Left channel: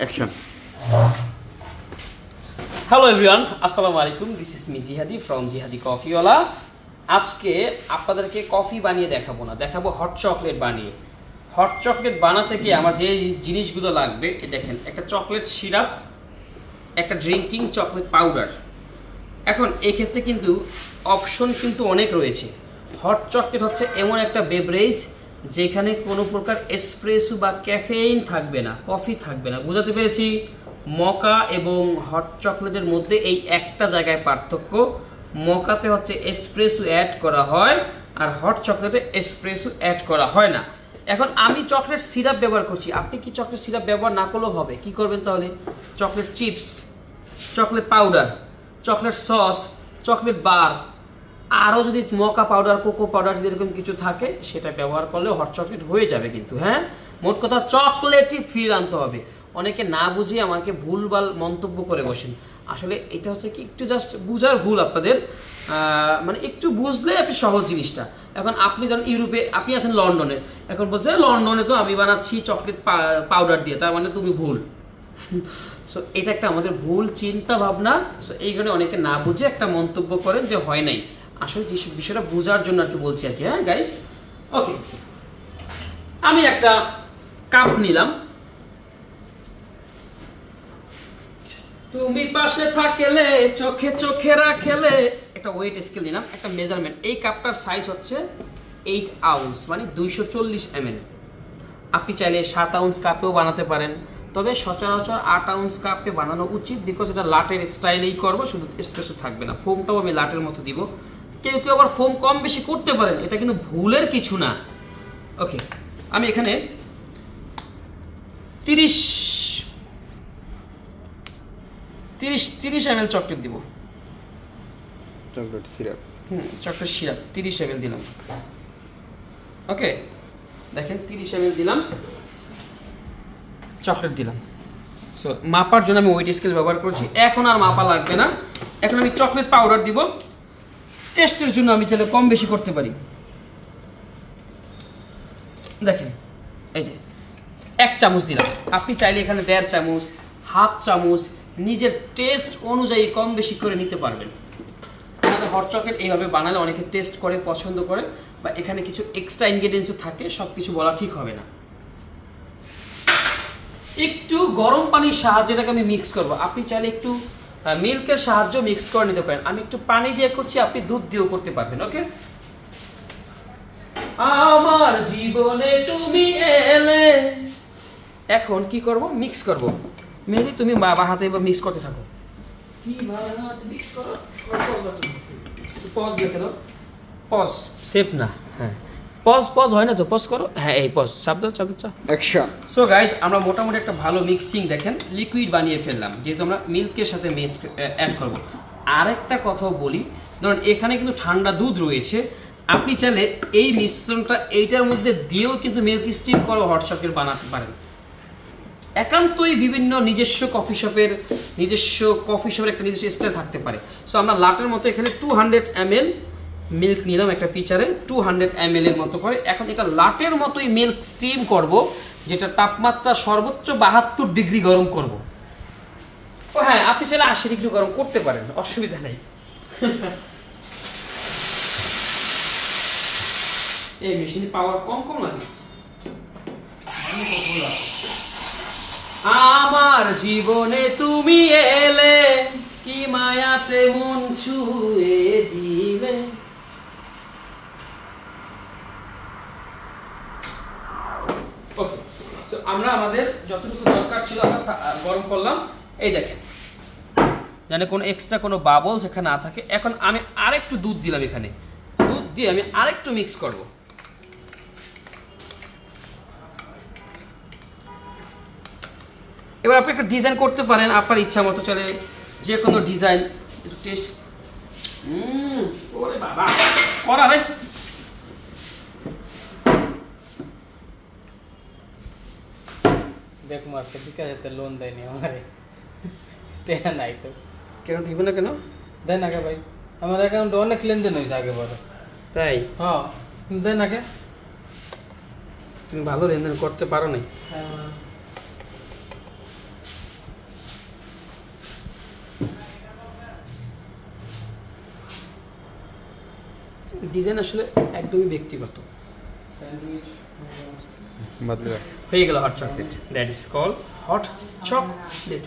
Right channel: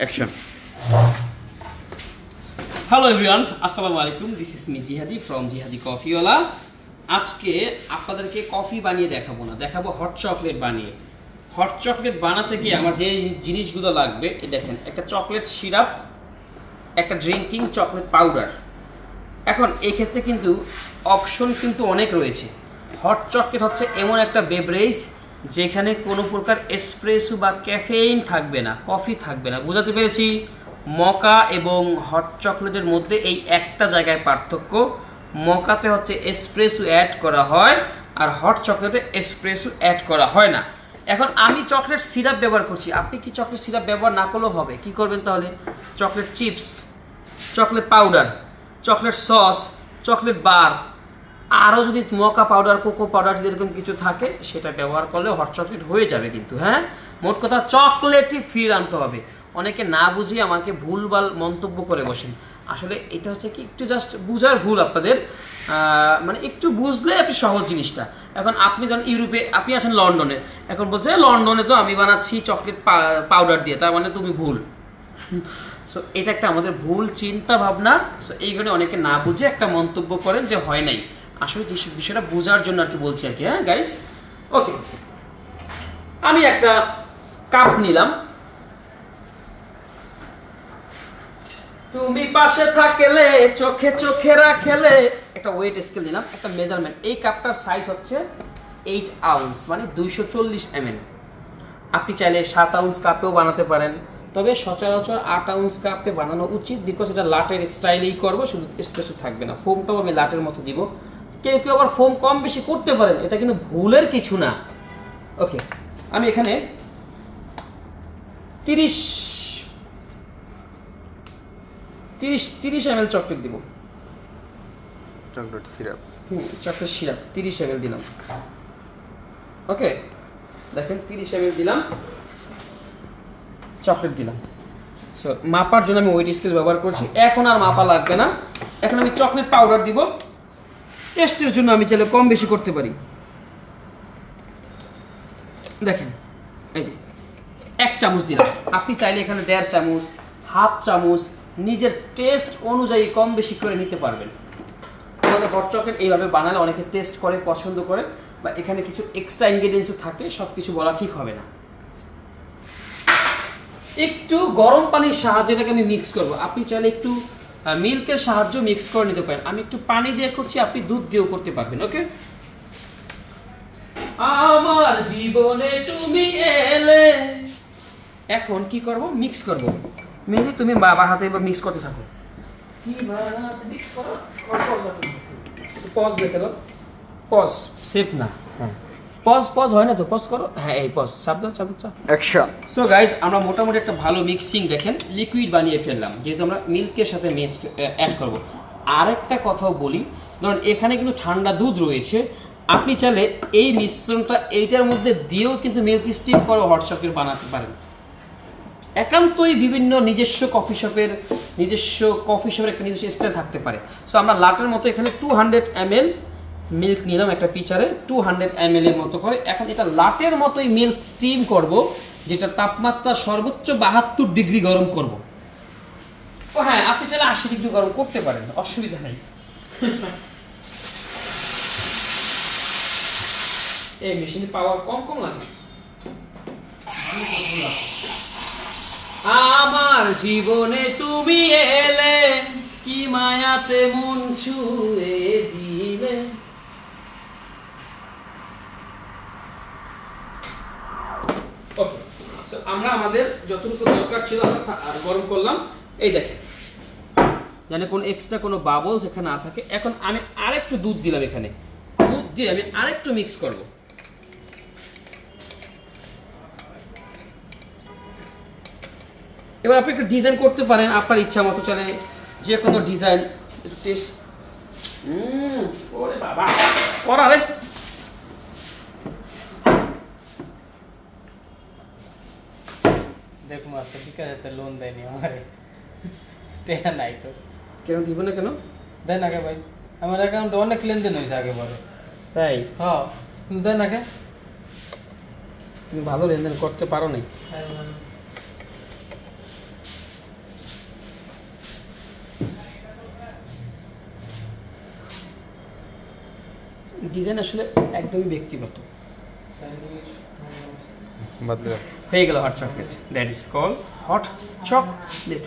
Action. Hello everyone, আসসালামু আলাইকুম। This is me জিহাদি ফ্রম জিহাদি কফিওয়ালা। আজকে আপনাদেরকে কফি বানিয়ে দেখাবো না, দেখাবো হট চকলেট বানিয়ে। হট চকলেট বানাতে গিয়ে আমার যে জিনিসগুলো লাগবে, দেখেন, একটা চকলেট সিরাপ, একটা ড্রিঙ্কিং চকলেট পাউডার। এখন এই ক্ষেত্রে কিন্তু অপশন কিন্তু অনেক রয়েছে। হট চকলেট হচ্ছে এমন একটা বেভারেজ যেখানে কোনো প্রকার এসপ্রেসো বা ক্যাফেইন থাকবে না, কফি থাকবে না। বুঝাতে পেরেছি? মকা এবং হট চকলেটের মধ্যে এই একটা জায়গায় পার্থক্য। মকাতে হচ্ছে এসপ্রেসো অ্যাড করা হয়, আর হট চকলেটে এসপ্রেসো অ্যাড করা হয় না। এখন আমি চকলেট সিরাপ ব্যবহার করছি, আপনি কি চকলেট সিরাপ ব্যবহার না করলেও হবে? কি করবেন তাহলে? Chocolate chips, chocolate powder, chocolate sauce, chocolate bar, আরও যদি মকা পাউডার, কোকো পাউডার যদি এরকম কিছু থাকে সেটা ব্যবহার করলে হট চকলেট হয়ে যাবে। কিন্তু হ্যাঁ, মোট কথা চকলেটই ফির আনতে হবে। অনেকে না বুঝিয়ে আমাকে ভুলভাল মন্তব্য করে বসেন। আসলে এটা হচ্ছে কি, একটু জাস্ট বুঝার ভুল আপনাদের, মানে একটু বুঝলে আপনি সহজ জিনিসটা। এখন আপনি যখন ইউরোপে, আপনি আছেন লন্ডনে, এখন বলছে লন্ডনে তো আমি বানাচ্ছি চকলেট পাউডার দিয়ে, তার মানে তুমি ভুল। সো এটা একটা আমাদের ভুল চিন্তা ভাবনা। সো এই কারণে অনেকে না বুঝে একটা মন্তব্য করেন যে হয় নাই। আসলে যে বিষয়টা বোঝার জন্য আর কি বলছি আর কি। হ্যাঁ গাইস, ওকে। আমি একটা কাপ নিলাম, তুমি পাশে থাকলে চোখে চোখে রাখলে। একটা ওয়েট স্কেল দিলাম, একটা মেজারমেন্ট। এই কাপটার সাইজ হচ্ছে 8 আউন্স, মানে 240 ml। আপনি চাইলে 7 আউন্স কাপেও বানাতে পারেন, তবে সচরাচর 8 আউন্স কাপে বানানো উচিত, বিকজ এটা লাটের স্টাইলেই করবো, শুধু এসপ্রেসো থাকবে না। ফোমটাও আমি লাটের মতো দিব। কেউ কেউ আবার ফোম কম বেশি করতে পারেন, এটা কিন্তু ভুলের কিছু না। ওকে, আমি এখানে 30 ml চকলেট দিব। Chocolate syrup, chocolate syrup 30 ml দিলাম। ওকে, দেখেন 30 ml দিলাম, চকলেট দিলাম। সো মাপার জন্য আমি ওয়েট স্কেল ব্যবহার করছি। এখন আর মাপা লাগবে না। এখন আমি চকলেট পাউডার দিব। টেস্টের জন্য আমি চাইলে কম বেশি করতে পারি। দেখেন, এই যে 1 চামচ দিলাম। আপনি চাইলে এখানে 1.5 চামচ, হাফ চামচ, নিজের টেস্ট অনুযায়ী কম বেশি করে নিতে পারবেন। আমাদের হট চকলেট এইভাবে বানালে অনেকে টেস্ট করে, পছন্দ করে, বা এখানে কিছু এক্সট্রা ইনগ্রেডিয়েন্টস থাকে, সব কিছু বলা ঠিক হবে না। একটু গরম পানির সাহায্যে এটাকে আমি মিক্স করব। আপনি চাইলে একটু মিল্কের সাহায্য মিক্স করে নিতে পারেন। আমি একটু পানি দিয়ে করছি, আপনি দুধ দিয়েও করতে পারবেন। ওকে, আমার জীবনে তুমি এলে। এখন কি করব? মিক্স করব। মেনলি তুমি বাবা হাতে মিক্স করতে থাকো। মিক্স করো, পজ দেখে দাও। পজ সেফ না। হ্যাঁ, পজ হয় না তো, পজ করো। হ্যাঁ, এই পজ, শব্দ অ্যাকশন। সো গাইজ, আমরা মোটামুটি একটা ভালো মিক্সিং, দেখেন লিকুইড বানিয়ে ফেললাম, যেহেতু আমরা মিল্কের সাথে অ্যাড করব। আরেকটা কথাও বলি, ধরুন এখানে কিন্তু ঠান্ডা দুধ রয়েছে, আপনি চাইলে এই মিশ্রণটা এইটার মধ্যে দিয়েও কিন্তু মিল্ক স্টিম করে হট চকলেট বানাতে পারেন। একান্তই বিভিন্ন নিজস্ব কফি শপের একটা নিজস্ব স্টাইল থাকতে পারে। সো আমরা লাটের মতো এখানে 200 ml মিল্ক নিলাম একটা পিচারে, 200 ml এর মতো করে। এখন এটা লাটের মতোই মিল্ক স্টিম করব, যেটা তাপমাত্রা সর্বোচ্চ 72 ডিগ্রি গরম করব। ও হ্যাঁ, আপনি চাইলে 80 ডিগ্রি গরম করতে পারেন, অসুবিধা নেই। এই মেশিনে পাওয়ার কম লাগে। আমার জীবনে তুমি এলে, কি মায়াতে মন ছুঁয়ে দিলে। ওকে, সো আমরা আমাদের যতটুকু দরকার ছিল গরম করলাম। এই দেখেন, যেন কোনো এক্সট্রা কোনো বাবলস এখানে না থাকে। এখন আমি আরেকটু দুধ দিলাম, এখানে দুধ দিয়ে আমি আরেকটু মিক্স করব। এবার আপনি একটা ডিজাইন করতে পারেন আপনার ইচ্ছা মতো, চাইলে যে কোনো ডিজাইন। টেস্ট ওরে বাবা করা রে। দেখো মাস্টার ঠিক আছে, লোন দেয়নি আমারে, টেয়া নাই তো। কেন দিব না? কেন দেয় না কে ভাই? আমার অ্যাকাউন্টে অনেক লেনদেন হয়েছে আগে পরে। তাই? হ্যাঁ, দেয় না কে? তুমি ভালো লেনদেন করতে পারো নাই। ডিজাইন আসলে একদমই ব্যক্তিগত। বাদলে হয়ে গেল hot chocolate, that is call hot chocolate.